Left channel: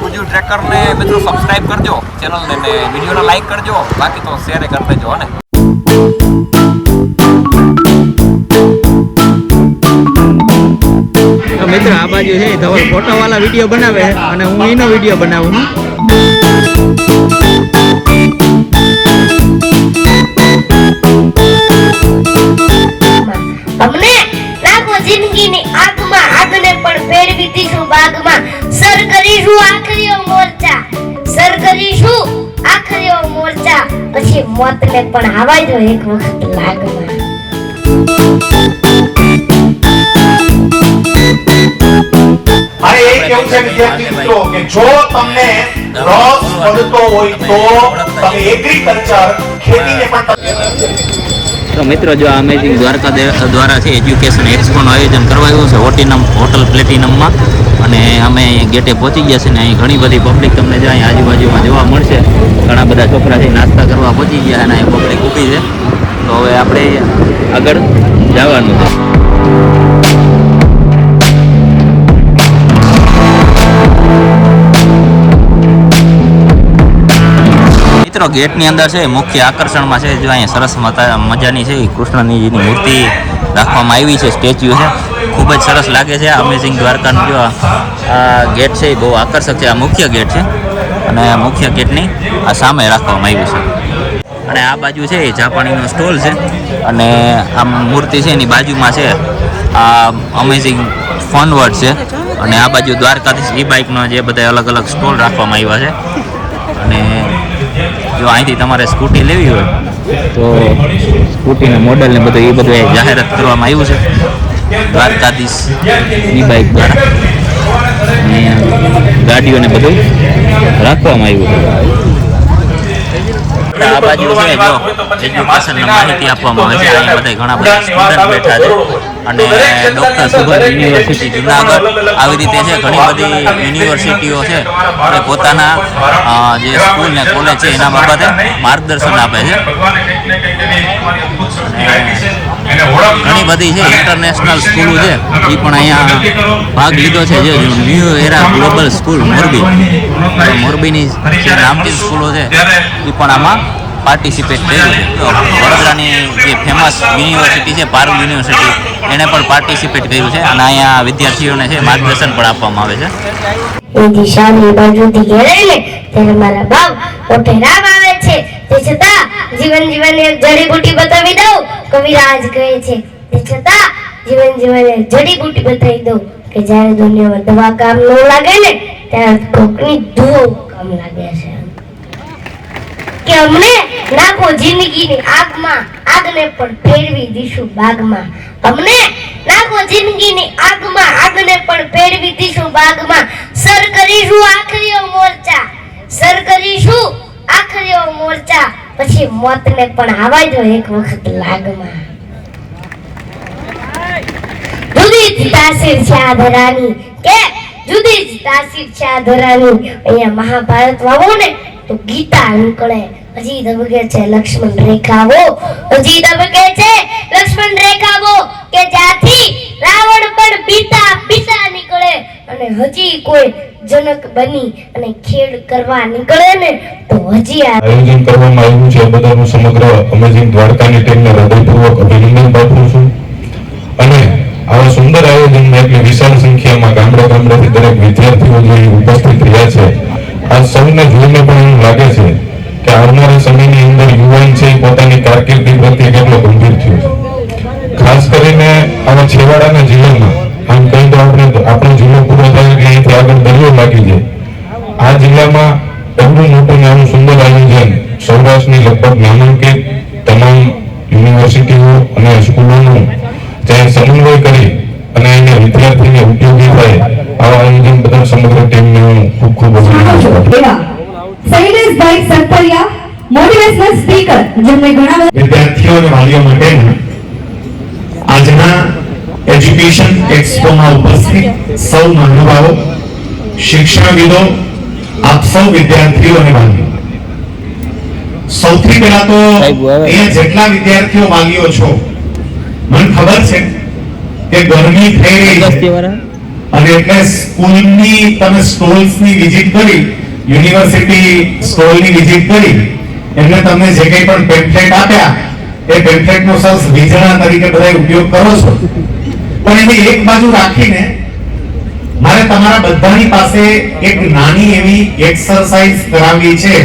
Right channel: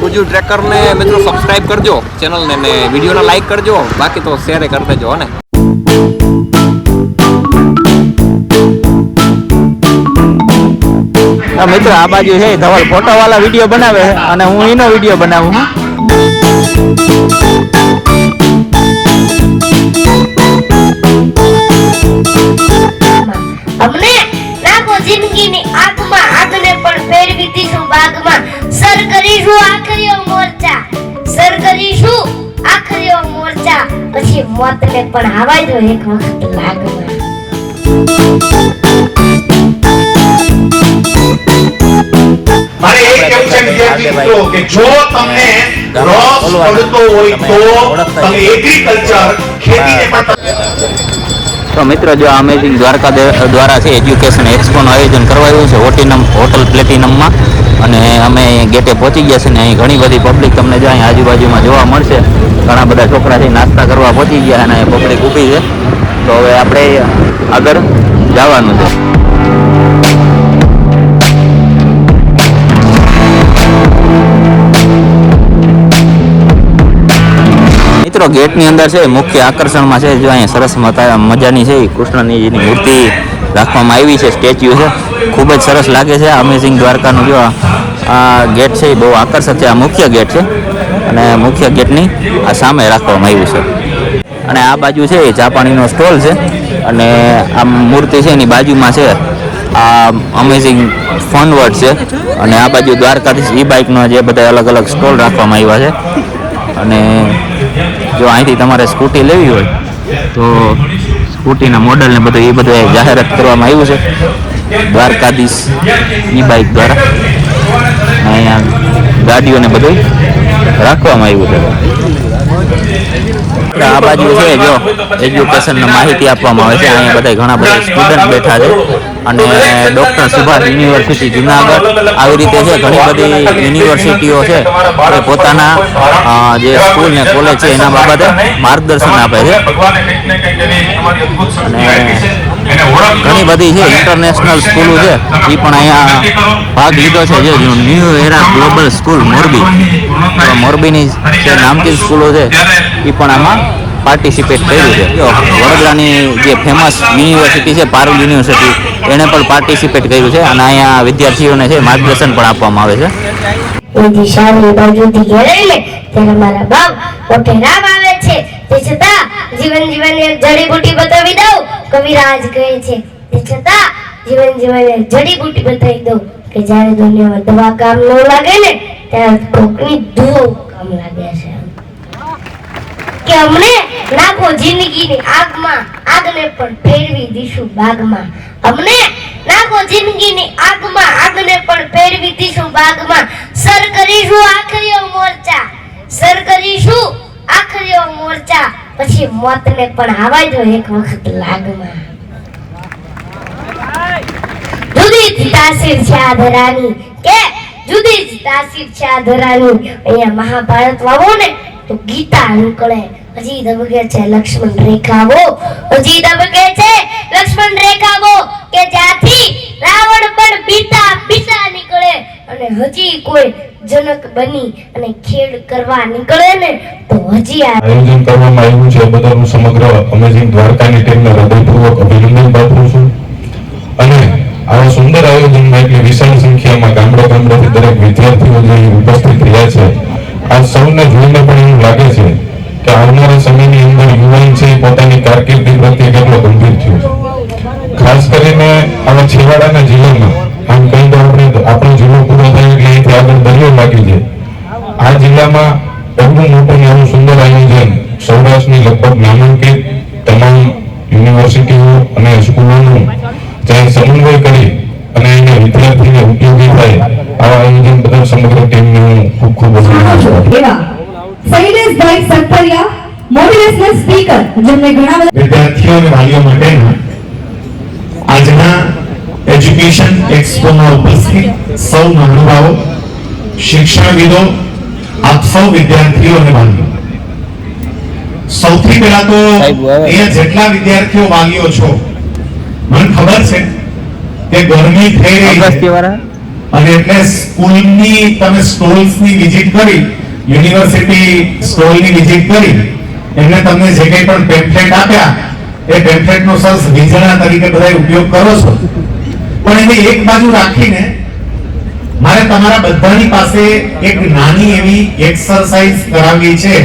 ગુજુ ટ્રેકરને મિત્રો સબસ્ક્રાઇબ કરજો. ચેનલને ને વિડીયોને લાઈક કરજો. બાકી તો શેર કરી દેજો આ મિત્ર, આ બાજુ છે, ધવલ ફોટો વાળા વીડિયો બનાવે અને હું એનો વીડિયો બનાવું કરીશું આખરીઓ મોરચા. સર કરીશું આખરીઓ મોરચા. પછી મોતને પણ આવાય તો એક વખત કે જો તમને લોસ પડતો હોય તો તમે એગ્રીકલ્ચર ખેતીને માટે તો મિત્રો જો અમેઝિંગ દ્વારકા દ્વારા છે એજ્યુકેશન એક્સપોનું આયોજન કરવાયું છે હોટિનમ હોટલ પ્લેટિનમમાં અને અમે ગેટે પહોંચી ગયા છે ને અહીં ઘણી બધી પબ્લિક તમને જો અહીં આજુબાજુમાં જોવા મળશે. ઘણા બધા છોકરાથી નાસ્તા કરવા પહોંચી ગયા અને પબ્લિક ઊભી છે. તો હવે આપણે આગળ જવાનું છે. મિત્રો, ગેટની અંદર છે, મુખ્ય આકર્ષણમાં છે, જો અહીંયા સરસ મજાની છે કૃષ્ણજીની મૂર્તિ રાખવામાં આવી છે, સ્ટેચ્યુ છે. ખૂબ જ સરસ લાગે છે. અમેઝિંગ દ્વારકાનું જો આ- ગેટ છે એ બહુ આકર્ષક છે. આ મુખ્ય ગેટ છે. અને મુખ્ય ગેટની આ સામે રાખવામાં આવ્યું છે. અને આ બાજુ છે એ જાપાણીનો સ્ટોલ છે. અને આ મૂર્તિ છે એની બાજુમાં છે આ અમેઝિંગ ફન વર્ડ છે. અને આ બાજુ દ્વારકાધીશ ઈ બાઇકનો જે બધા અલગ અલગ સ્ટોલ રાખવામાં આવ્યા છે. અને જો અહીંથી તમારે સ્કૂટી લેવી હોય, તો સ્કૂટીના મોડલ ને બધું એ બધું જાહેરાત કરવામાં આવ્યું છે. દ્વારકાધીશની બાઇક દ્વારા અહીંયા ગાડીઓને બધું રાખવામાં આવ્યું હતું આ બાજુ છે, જો એજ્યુકેશનની માહિતી આપવામાં આવે છે. અહીંયા બધા ઘણા બધા સ્ટુડન્ટ બેઠા છે. અને ડૉક્ટર સુભાષ યુનિવર્સિટી જુનાગઢ આવી રીતે છે. ઘણી બધી યુનિવર્સિટીઓ છે એ પોતાના જે સ્કૂલ ને કોલેજ છે, એના બાબતે માર્ગદર્શન આપે છે. ઘણી બધી છે ઇન્ટરનેશનલ સ્કૂલો છે. એ પણ અહીંયા ભાગ લીધો છે જે new era global school Morbi. તો મોરબીની જે નામચીન સ્કૂલો છે એ પણ આમાં પાર્ટિસિપેટ કર્યું છે. જો વડોદરાની જે ફેમસ યુનિવર્સિટી છે પારુલ યુનિવર્સિટી એણે પણ પાર્ટિસિપેટ કર્યું છે. અને અહીંયા વિદ્યાર્થીઓને છે માર્ગદર્શન પણ આપવામાં આવે છે. એ દિશાની બાજુથી ઘેરાઈ લે ત્યારે મારા બાપ પોતે રામ આવે છે. તે છતાં જીવન જીવનની જડીબુટી બતાવી દઉં કવિરાજ કહે છે, તે છતાં જીવન જીવને જડીબુટી બતાવી દઉં કે જ્યારે દુનિયામાં દવા કામ ન લાગે ને, ત્યારે કોકની દુઓ કામ લાગે છે. કે અમને નાખો જિંદગીની આગમાં, આગને પણ ફેરવી દીશું બાગમાં. અમને નાખો જિંદગીની આગમાં, આગને પણ ફેરવી દીશું બાગમાં. સર કરીશું આખરીઓ મોરચા, સર કરીશું આખરીઓ મોરચા. પછી મોતને પણ આવા જો એક વખત લાગમાં. જુદી જ તાસીર છે આ ધરાની. કે? જુદી જ તાસીર છે આ ધરાની. અહીંયા મહાભારત વાવો ને, તો ગીતા નીકળે. હજી દબકે છે લક્ષ્મણ રેખાવો. હજી દબકે છે લક્ષ્મણ રેખાવો. કે જ્યાંથી રાવણ પણ બીતા બીતા નીકળે. અને હજી કોઈ જનક બની અને ખેડ કરવા નીકળે ને, તો હજી આયોજન કરવામાં આવ્યું છે બધાનું સમગ્ર અમેઝિંગ દ્વારકાની ટીમને હૃદયપૂર્વક અભિનંદન પાઠવું છું. અને આવા સુંદર આયોજનમાં એટલી વિશાળ સંખ્યામાં ગામડે ગામડેથી દરેક વિદ્યાર્થીઓ જે ઉપસ્થિત રહ્યા છે આ સૌને જોઈને પણ એવું લાગે છે કે આવનારા સમયની અંદર યુવાન છે પોતાની કારકિર્દી પ્રત્યે કેટલો ગંભીર થયો ખાસ કરીને આવા છેવાડાના જિલ્લામાં આમ કહી તો આપણે આપણો જિલ્લો પૂરો થયો કે અહીંથી આગળ દરિયો લાગી જાય આ જિલ્લામાં એવડું મોટું નાનું સુંદર આયોજન સૌરાષ્ટ્રની લગભગ નામાંકિત તમામ યુનિવર્સિટીઓ અને સ્કૂલોનું જ્યાં સમન્વય કરી અને એને વિદ્યાર્થીને ઉપયોગી થાય આવા આયોજન બદલ સમગ્ર ટીમને હું ખૂબ ખૂબ છું. શૈલેષભાઈ સરપરિયા મોટિવેશનલ સ્પીકર જેમને ઘણા વિદ્યાર્થીઓ અને વાલીઓ માટેના એજ્યુકેશન એક્સપોમાં ઉપસ્થિત સૌ મહાનુભાવો શિક્ષણવિદો આપ સૌ વિદ્યાર્થીઓ અને વાલીઓ સૌથી પહેલા તો અહીંયા જેટલા વિદ્યાર્થીઓ વાલીઓ છો મને ખબર છે કે ગરમી થઈ રહી છે. અને એટલે સ્કૂલની તમે સ્ટોલ્સની વિઝિટ કરી યુનિવર્સિટી સ્ટોલની વિઝિટ કરી એટલે તમને જે કંઈ પણ પેમ્ફલેટ આપ્યા એ પેમ્ફલેટનો સરસ વીજળા તરીકે બધા ઉપયોગ કરો છો. પણ એની એક બાજુ રાખીને મારે તમારા બધાની પાસે એક નાની એવી એક્સરસાઇઝ કરાવવી છે.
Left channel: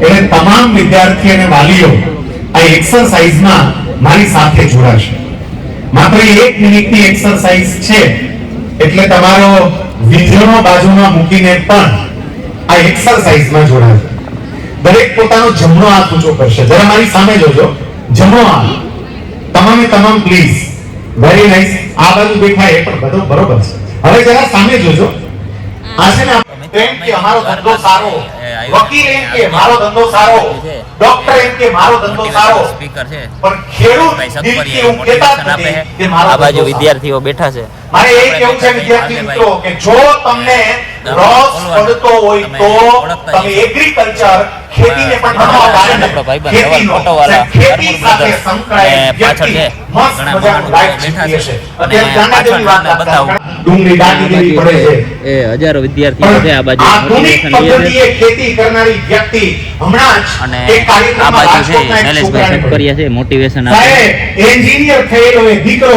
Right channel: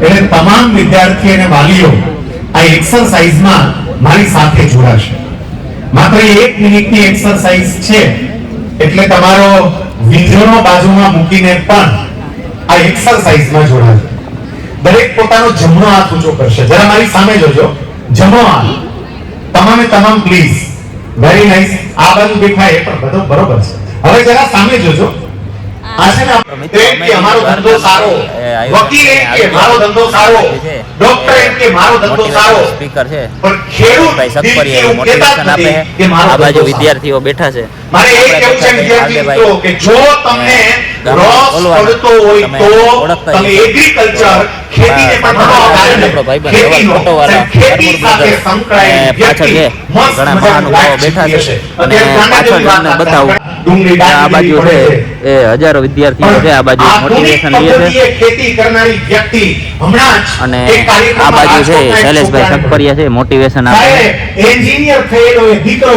એટલે તમામ વિદ્યાર્થી અને વાલીઓ આ એક્સરસાઇઝમાં મારી સાથે જોડાશે. માત્ર એક મિનિટની એક્સરસાઇઝ છે. એટલે તમારો વીજળો બાજુમાં મૂકીને પણ આ એક્સરસાઇઝમાં જોડાશે. દરેક પોતાનો જમણો હાથ ઊંચો કરશે. જરા મારી સામે જોજો. જમણો હાથ. તમામે તમામ પ્લીઝ વેરી નાઇસ આ બાજુ દેખાય એ પણ બધું બરોબર છે. હવે જરા સામે જોજો. આ છે ને અમારો ધંધો સારો. વકીલ કે મારો ધંધો સારો? ડોક્ટર એક મારો ધંધો સારો. મોટિવેશનલ સ્પીકર છે ભાઈ મોટિવેશન આપે છે. આ બાજુ વિદ્યાર્થીઓ બેઠા છે. મારે એ આપણે છે બેઠા છે વિદ્યાર્થી માલદેભાઈ મિત્રો કે જો તમને લોસ બોલવાનું. પડતો હોય તમે તો ઓળખતા તમે એગ્રીકલ્ચર ખેતીને પણ. આપણો ભાઈબંધ ધવલ ફોટોવાળા ખેતી કરમુર બ્રધર્સ. અને પાછળ છે. ઘણા મહાનુભાવો બેઠા છે. અને પાછળ તમને બતાવું. આ બાજુ છે. એ હજારો વિદ્યાર્થીઓ છે આ બાજુ મોટિવેશન લે છે. ખેતી કરનારી વ્યક્તિ હમણાં જ અને આ બાજુ છે શૈલેષભાઈ છોકરાને છે મોટિવેશન આપે. એન્જિનિયર થયેલો એ દીકરો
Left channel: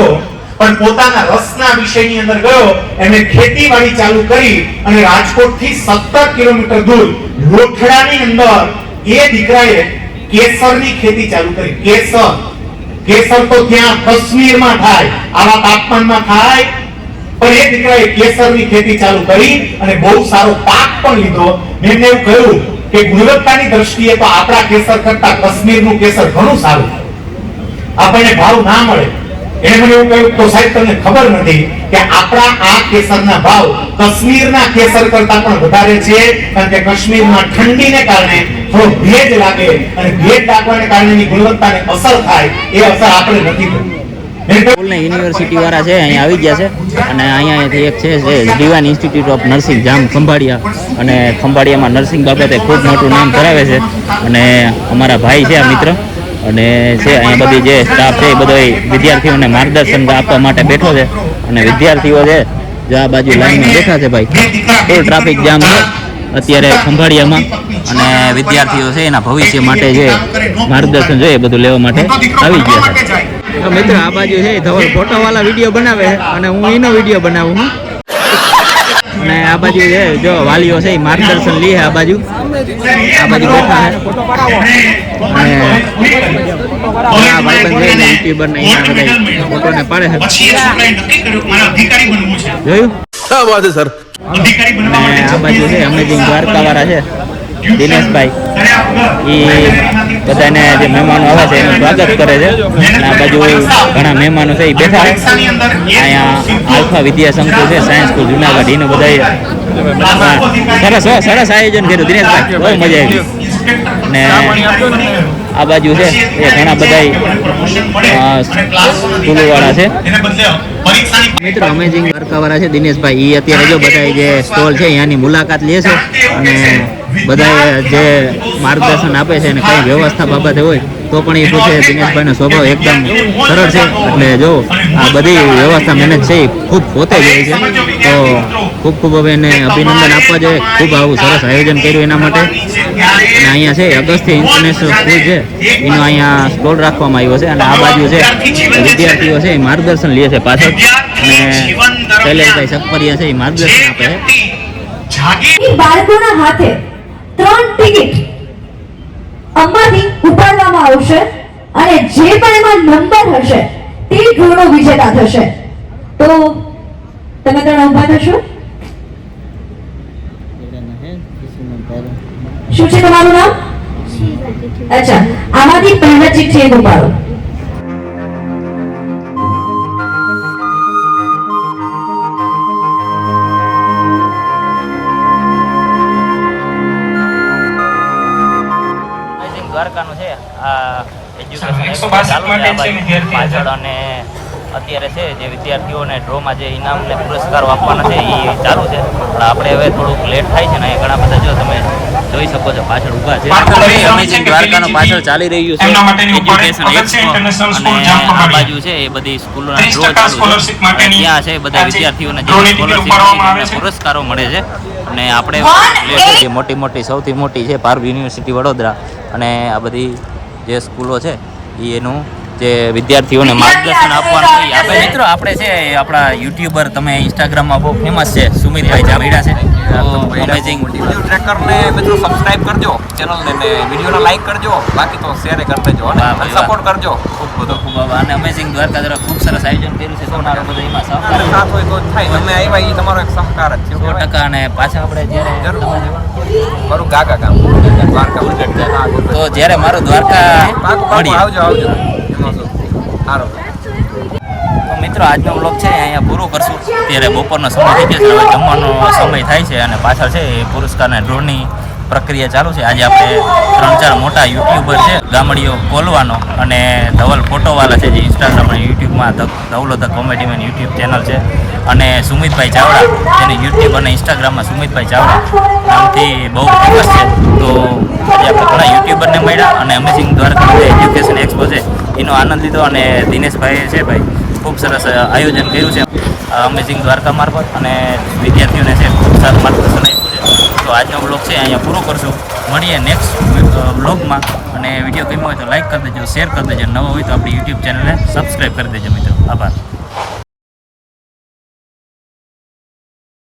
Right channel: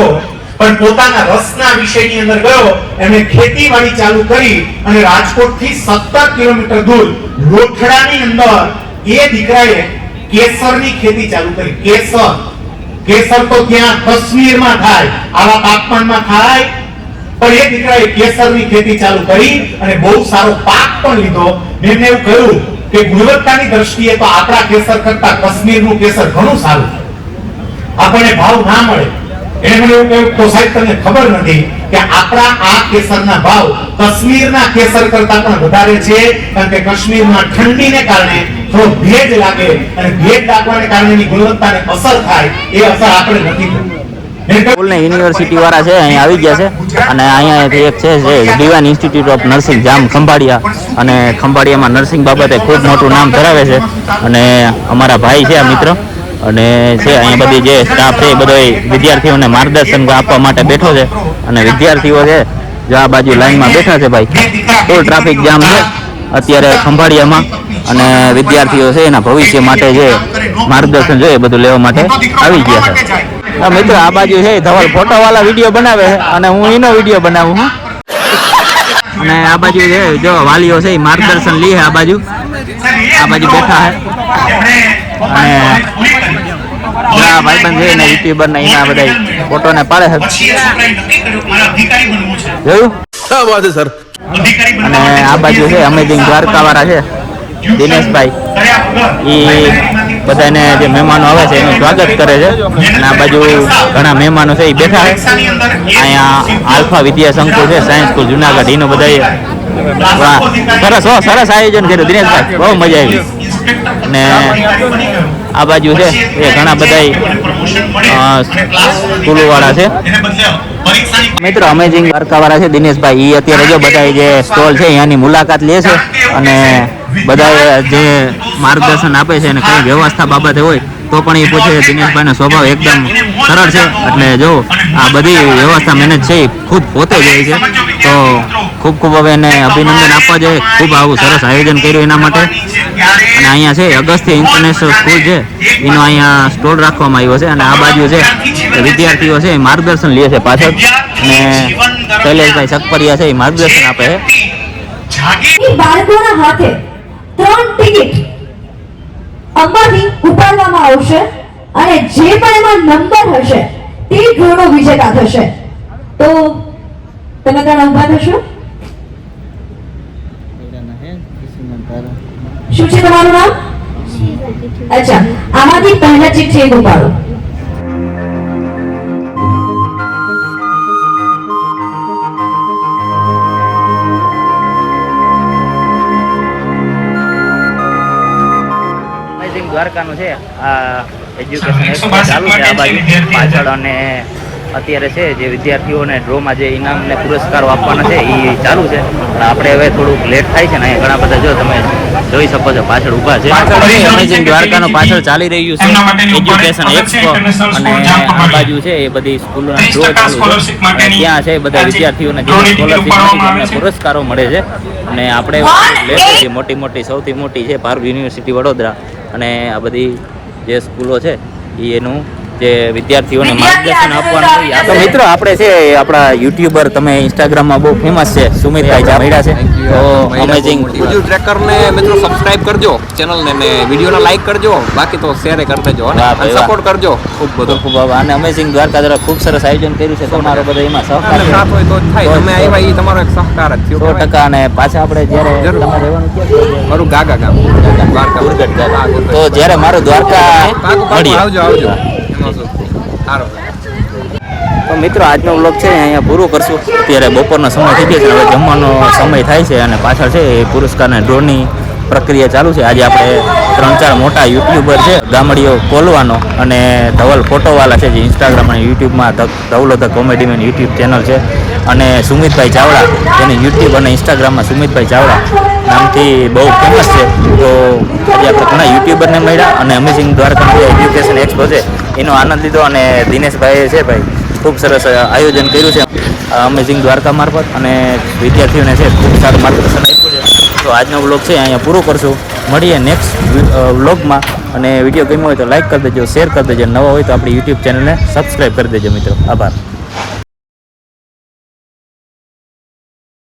પણ પોતાના રસના વિષયની અંદર ગયો એમણે ખેતીવાડી ચાલુ કરી અને રાજકોટથી 17 કિલોમીટર દૂર લોઠડાની અંદર એ દીકરાએ કેસરની ખેતી ચાલુ કરી. કેસર. કેસર તો ત્યાં કશ્મીરમાં થાય આવા તાપમાનમાં થાય પણ એ દીકરાએ કેસરની ખેતી ચાલુ કરી અને બહુ સારો પાક પણ લીધો. મેં એવું કહ્યું કે ગુણવત્તાની દ્રષ્ટિએ તો આપણા કેસર કરતા કાશ્મીરનું કેસર ઘણું સારું આપણને ભાવ ના મળે. એને મને એવું કહ્યું, તો સાહેબ, તમને ખબર નથી કે આપણા આ કેસરના ભાવ કાશ્મીરના કેસર કરતા પણ વધારે છે, કારણ કે કાશ્મીરમાં ઠંડીને કારણે થોડો ભેજ લાગે અને ભેજ લાગવાને કારણે ગુણવત્તાને અસર થાય. એ અસર આપણે નથી થતી સ્કૂલને યુનિવર્સિટી વાળા છે, અહીં આવી ગયા છે. અને અહીંયા એક છે Diwan institute of nursing Jam Khambhalia. અને ખંભાળિયામાં નર્સિંગ બાબતે ખૂબ મોટું નામ ધરાવે છે. અને અમારા ભાઈ છે, આ મિત્ર. અને છે, અહીં બધી જે સ્ટાફ છે, એ બધો વિદ્યાર્થીઓને માર્ગદર્શન આપવા માટે બેઠો છે. અને વિદ્યાર્થીઓ છે, જો આ બાજુ લાઈનમાં બેઠા છે ભાઈ. ફૂલ ટ્રાફિક જામ છે, અત્યારે ખંભાળિયામાં. અને વિદ્યાર્થીઓ છે, એના ભવિષ્ય માટે જે માર્ગદર્શન જોઈએ બધું લેવા માટે આવી ગયા છે. મિત્ર આ બાજુ છે ધવલ ફોટો વાળા વીડિયો બનાવે અને હું એનો વીડિયો બનાવું અને આ બાજુ છે જો વાલીઓ છે માર્ગદર્શન લે આ બાજુ. આ બાજુ બેઠા છે. અને આ ભાઈબંધ છે ને યુટ્યુબર પાડે જોયું? શા સર. અને આ બાજુ છે અમેઝિંગ દ્વારકા વાળા છે. દિનેશભાઈ. એ બધાને જે મહેમાનો આવે છે, એનું સ્વાગત કરે છે. અને આ બાજુ ઘણા મહેમાનો છે, એ બેઠા. અહીંયા આલ્ફા વિદ્યા સંકુલ છે, સાયન્સ સ્કૂલ, જુનાગઢ. એનું બધા સરસ, હો, સરસ આયોજન કર્યું, દિનેશભાઈ. બહુ મજા આવી. અને આ બાજુ છે, એ ઘણા બધા સ્કૂલોવાળા છે. મિત્રો અમેઝિંગ દ્વારકા વાળા છે, દિનેશભાઈ એ અત્યારે જો બધા જે સ્ટોલ છે, અહીંયાની મુલાકાત લે છે અને બધા જે માર્ગદર્શન આપે છે અને કઈ વ્યવસ્થા બાબતે હોય તો પણ એ પૂછે, દિનેશભાઈનો સ્વભાવ એકદમ સરળ છે. એટલે જો, આ બધી વ્યવસ્થા મહેનત છે, એ ખુદ પોતે જ હોય છે. તો ખૂબ ખૂબ હવે એને અભિનંદન આપવા જોઈએ. ખૂબ આવું સરસ આયોજન કર્યું એના માટે. અને અહીંયા છે, અગસ્ત્ય ઇન્ટરનેશનલ સ્કૂલ છે. એનો અહીંયા સ્ટોલ રાખવામાં આવ્યો છે. અને આ બાજુ છે, વિદ્યાર્થીઓ છે, એ માર્ગદર્શન લે છે પાછળ. અને શૈલેષભાઈ સકપરિયા છે, એ માર્ગદર્શન આપે છે. બાળકોના હાથે ત્રણ ટિકિટ અંબાથી ઉપાડવામાં આવશે અને જે પણ એમાં નંબર હશે તે ધોરણો વિજેતા થશે. તો તમે ત્યાં ઊભા થશો? શું છે તમારું નામ? અચ્છા આમાંથી પહેલા ચીટ છે ઉપાડો. ચાલુ છે આ બાજુ. પાછળ અને અત્યારે છે જે વિદ્યાર્થીઓને ડ્રોમાં જે ઇનામ ને પુરસ્કારો આપવાના છે એ ચાલુ છે. પણ આપણે હવે થોડુંક લેટ થાય છે ને અહીંયા ઘણા બધા જો તમે જોઈ શકો છો પાછળ ઊભા છે. અમેઝિંગ દ્વારકાનો પાછળ ચાલી રહ્યું છે. એજ્યુકેશન એક્સપો અને આ બાજુ છે એ બધી સ્કૂલોના ડ્રો ચાલુ છે. અને ત્યાં છે બધા વિદ્યાર્થીઓને જે સ્કોલરશીપ મળી છે એમને પુરસ્કારો મળે છે. અને આપણે લેટ જે મોટી મોટી સૌથી મોટી છે ભારત યુનિવર્સિટી વડોદરા અને આ બધી જે સ્કૂલો છે એ એનું જે વિદ્યાર્થીઓને માર્ગદર્શન આપવાનું હોય એ મિત્રો, આપણે છે આપણા યુટ્યુબર તમે ઇન્સ્ટાગ્રામમાં બહુ ફેમસ છે, સુમિતભાઈ જા મળ્યા છે. તો અમેઝિંગ વીડિયો ટ્રેકર મિત્રો સબસ્ક્રાઇબ કરજો ચેનલને ને ને વીડિયો લાઈક કરજો બાકી તો શેર કરતા દેજો વાહ સપોર્ટ કરજો. ખૂબ બધો ખૂબ. અને અમેઝિંગ દ્વારકા દ્વારા ખૂબ સરસ આયોજન કર્યું છે તમારો બધો એમાં અને સહકાર સાથ હોય તો થાય. તમે આવ્યા એ તમારો એક સહકાર જ થયો અને પાછા આપણે જ્યારે તમારે રહેવાનું ક્યાં ગાગા ગામ દ્વારકા. તો જ્યારે મારો દ્વારકા આવજો આવજો. શું? સારું. તો મિત્રો, આજનો બ્લોગ છે અહીંયા પૂરો કરશું. અત્યારે બપોરનો સમય થઈ ગયો છે, હવે જમવાનો સમય થાય છે અને પાછળ છે એ પુરસ્કારના ડ્રોની પ્રક્રિયા ચાલુ છે. આજે આપણે ત્રણ ચાર મોટા યુટ્યુબર છે, ગામડીઓ કોલવાનો અને ધવલ ફોટોવાલા છે, જે ઇન્સ્ટાગ્રામ અને યુટ્યુબમાં Dhavlo the comedy man YouTube channel છે. અને સુમિતભાઈ ચાવડા, જેને યુટ્યુબ અને ઇન્સ્ટાગ્રામમાં સુમિતભાઈ ચાવડા નામથી બહુ ફેમસ છે. તો આજે આપણે ઘણા યુટ્યુબરને મળ્યા અને અમેઝિંગ દ્વારકાના જે એજ્યુકેશન એક્સપો છે, એનો આનંદ લીધો અને દિનેશભાઈએ છે ભાઈ ખૂબ સરસ આયોજન કર્યું છે. અમેઝિંગ દ્વારકા મારફત અને વિદ્યાર્થીઓને છે, ખૂબ સારું માર્ગદર્શન આપ્યું છે. તો આજનો બ્લોગ છે, અહીંયા પૂરો કરશું. મળીએ નેક્સ્ટ વ્લોગમાં. અને વીડિયો ગમ્યો હોય તો લાઈક કરી દેજો શેર કરી દેજો. નવો હોય તો આપણી યુટ્યુબ ચેનલને સબસ્ક્રાઈબ કરી દેજો મિત્રો. આભાર.